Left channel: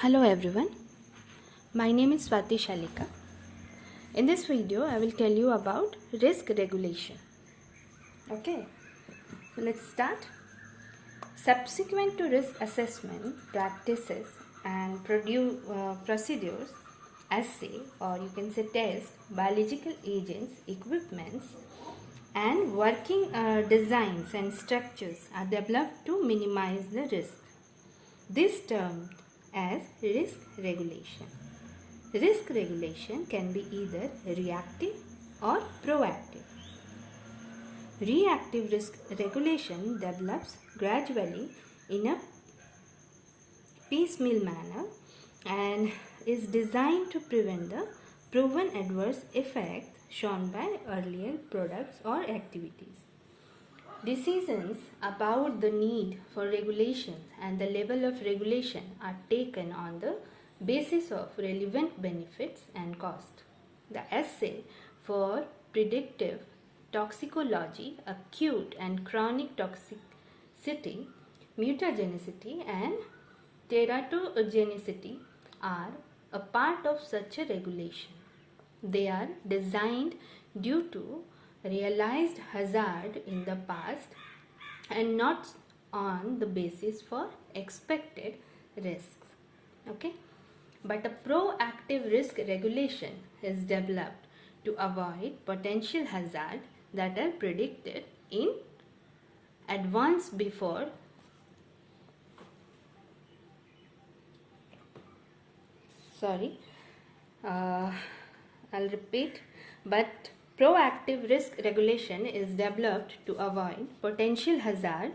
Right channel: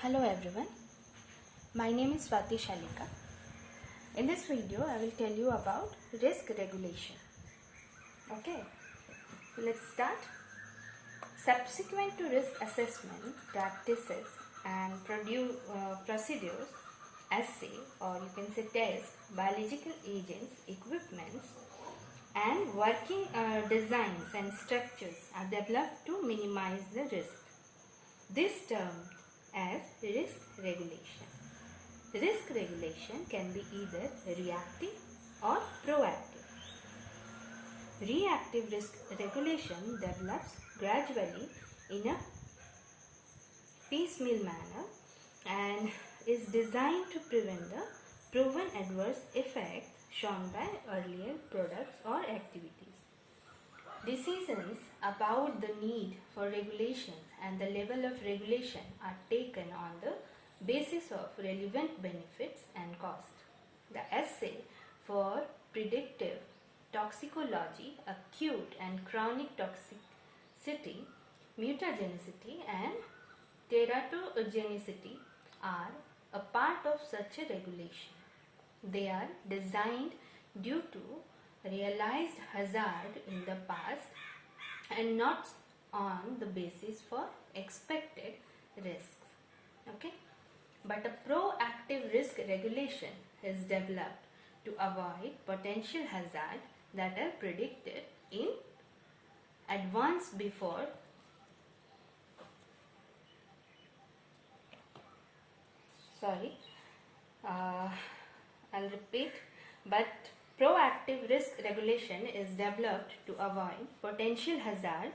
Hello everyone, my name is Swati Shallika. In this video, I will tell you about risk regulation. Okay, so let's start. Subsequent to risk assessment practices and procedures, assay or you can say test, biological agents, equipments and working designs and structures are developed to minimize the risk. This termed as risk regulation. Risk regulation can be either reactive or proactive. Reactive risk regulation develops gradually in a piecemeal manner and is designed to prevent the proven adverse effects shown by earlier products or activities. Decisions about the need for regulation and the level of regulation are taken on the basis of relevant benefits and cost. The assay for predictive toxicology, acute and chronic toxicity, mutagenicity and teratogenicity are a part of such a regulation. They are designed due to realized hazard in the past and not on the basis for expected risks. Okay, but a proactive risk regulation is developed to avoid potential hazard that are predicted in advance before I'll repeat, but proactive risk regulation is developed to avoid potential hazard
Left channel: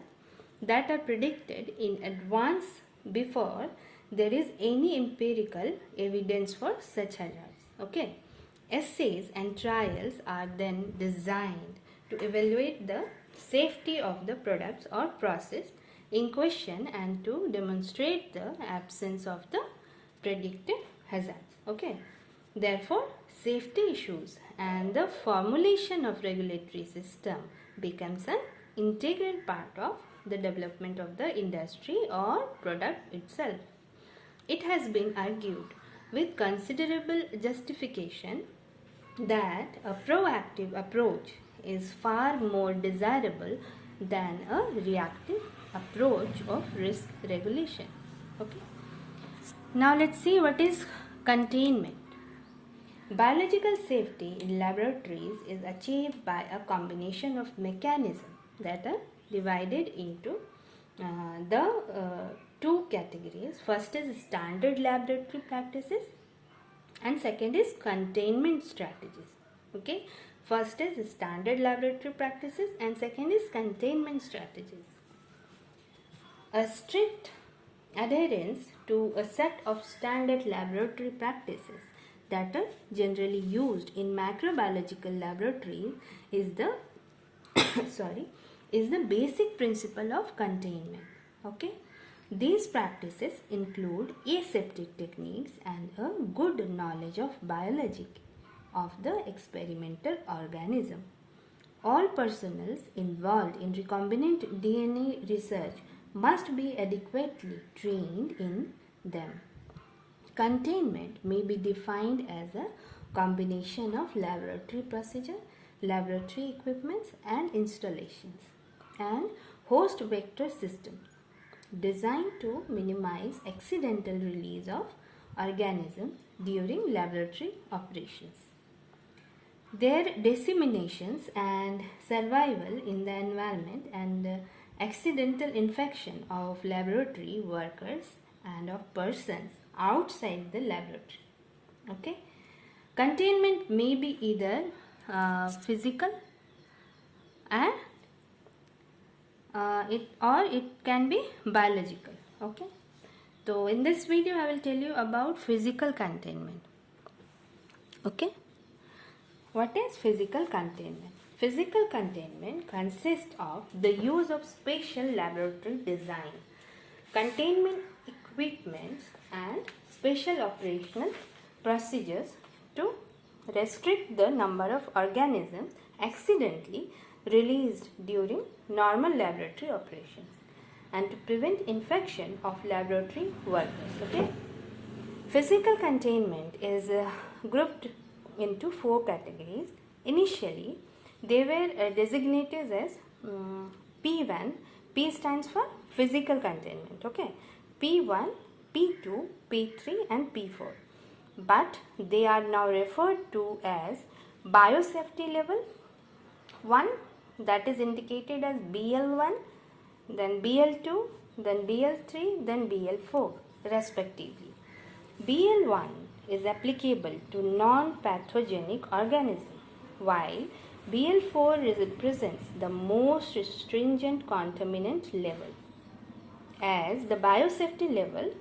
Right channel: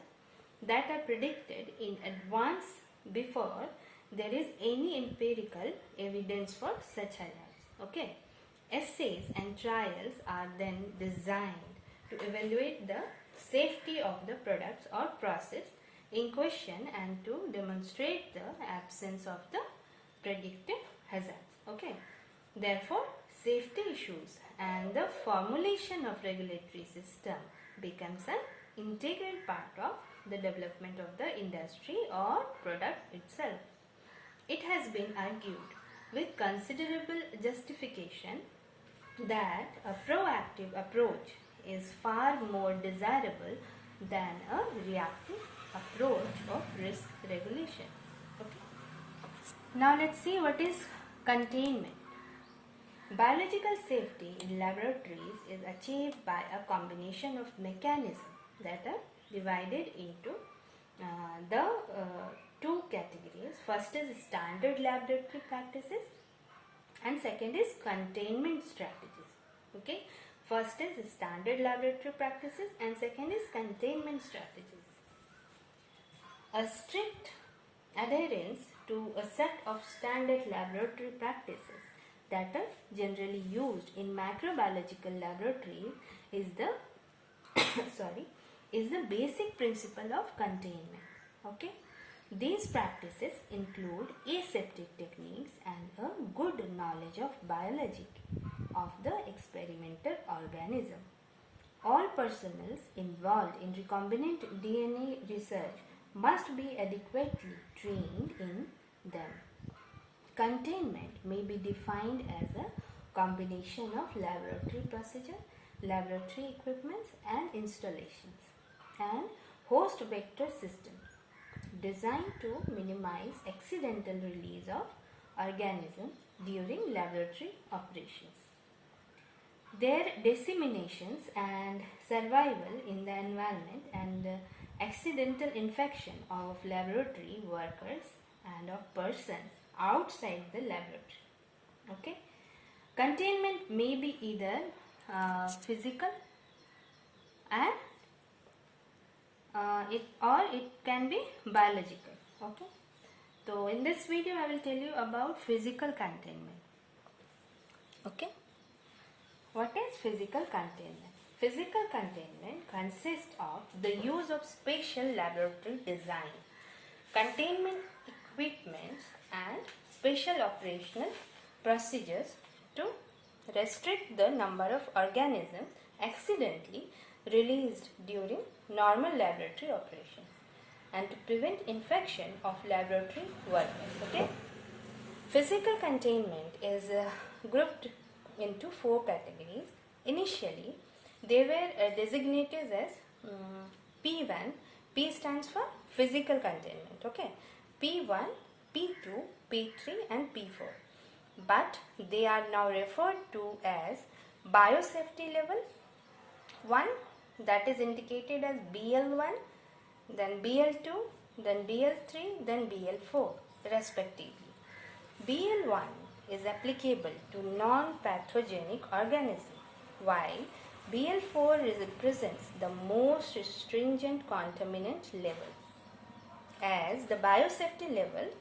that are predicted in advance before there is any empirical evidence for such hazards. Okay, assays and trials are then designed to evaluate the safety of the products or process in question and to demonstrate the absence of the predicted hazards. Okay, therefore safety issues and the formulation of regulatory system becomes an integral part of the development of the industry or product itself. It has been argued with considerable justification that a proactive approach is far more desirable than a reactive approach of risk regulation. Okay. Now let's see what is containment. Biological safety in laboratories is achieved by a combination of mechanisms that are divided into the two categories. First is standard laboratory practices and second is containment strategies. Okay, first is standard laboratory practices and second is containment strategies. A strict adherence to a set of standard laboratory practices that are generally used in microbiological laboratories is the is the basic principle of containment. Okay, these practices include aseptic techniques and a good knowledge of biology of the experimental organism. All personnel involved in recombinant DNA research must be adequately trained in them. Containment may be defined as a combination of laboratory procedure, laboratory equipments and installations, and host vector systems designed to minimize accidental release of organisms during laboratory operations. Their disseminations and survival in the environment and accidental infection of laboratory workers and of persons outside the laboratory. Okay, containment may be either physical and it can be biological. Okay, so in this video I will tell you about physical containment. Okay, what is physical containment? Physical containment consists of the use of special laboratory design, containment equipments and special operational procedures to restrict the number of organisms accidentally released during normal laboratory operations and to prevent infection of laboratory workers. Okay? Physical containment is grouped into 4 categories. Initially, they were designated as P1. P stands for physical containment. Okay, P1, P2, P3, and P4. But they are now referred to as biosafety level 1, that is indicated as BL1, then BL2, then BL3, then BL4 respectively. BL1 is applicable to non-pathogenic organisms, while BL4 represents the most stringent contaminant level. As the biosafety level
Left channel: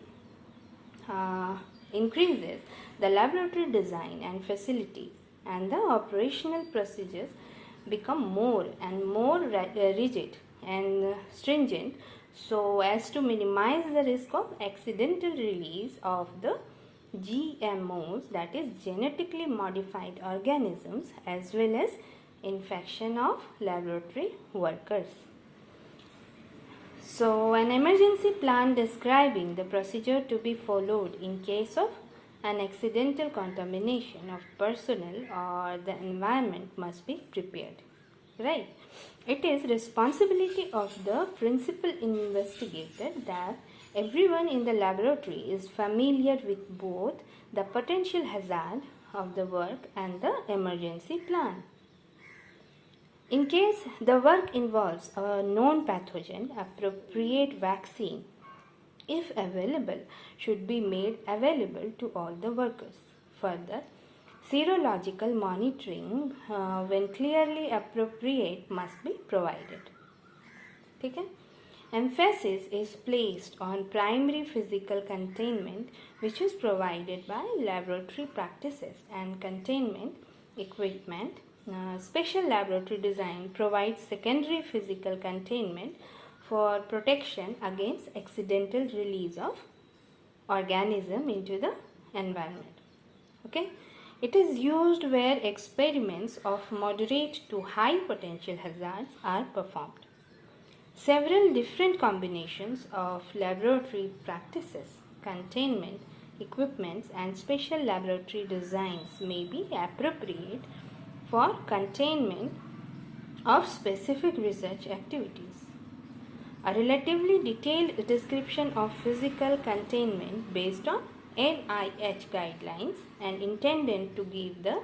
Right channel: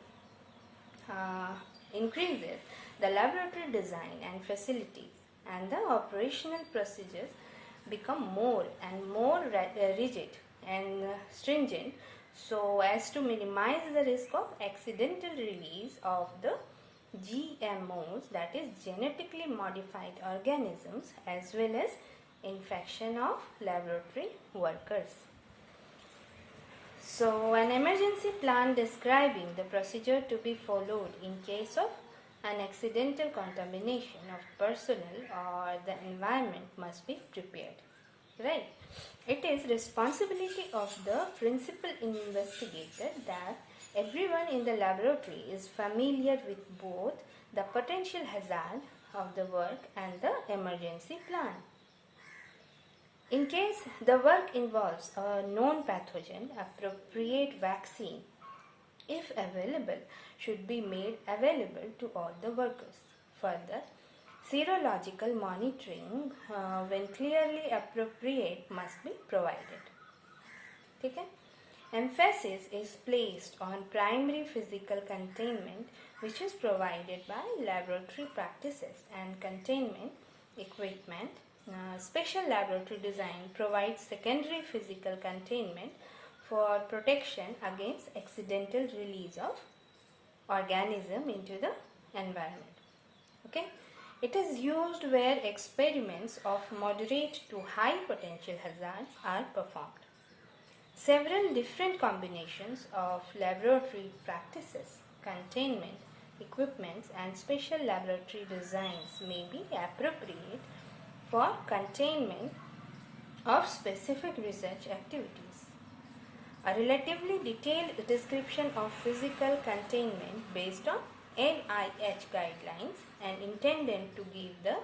increases, the laboratory design and facilities and the operational procedures become more and more rigid and stringent, so as to minimize the risk of accidental release of the GMOs, that is genetically modified organisms, as well as infection of laboratory workers. So an emergency plan describing the procedure to be followed in case of an accidental contamination of personnel or the environment must be prepared. Right. It is responsibility of the principal investigator that everyone in the laboratory is familiar with both the potential hazard of the work and the emergency plan. In case the work involves a known pathogen, appropriate vaccine, if available, should be made available to all the workers. Further, serological monitoring when clearly appropriate must be provided. Okay? Emphasis is placed on primary physical containment, which is provided by laboratory practices and containment equipment. Special laboratory design provides secondary physical containment for protection against accidental release of organism into the environment. Okay? It is used where experiments of moderate to high potential hazards are performed. Several different combinations of laboratory practices, containment, equipments, and special laboratory designs may be appropriate for containment of specific research activities. A relatively detailed description of physical containment based on NIH guidelines and intended to give the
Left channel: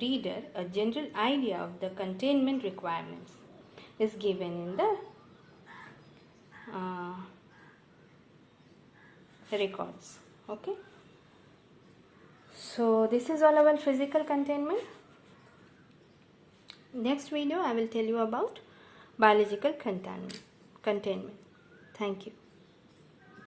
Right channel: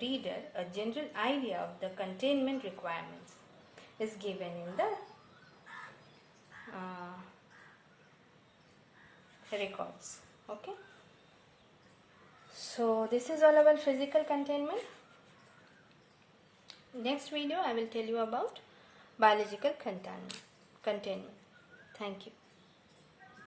reader a general idea of the containment requirements is given in the records. Okay. So this is all about physical containment. Next video I will tell you about biological containment. Thank you.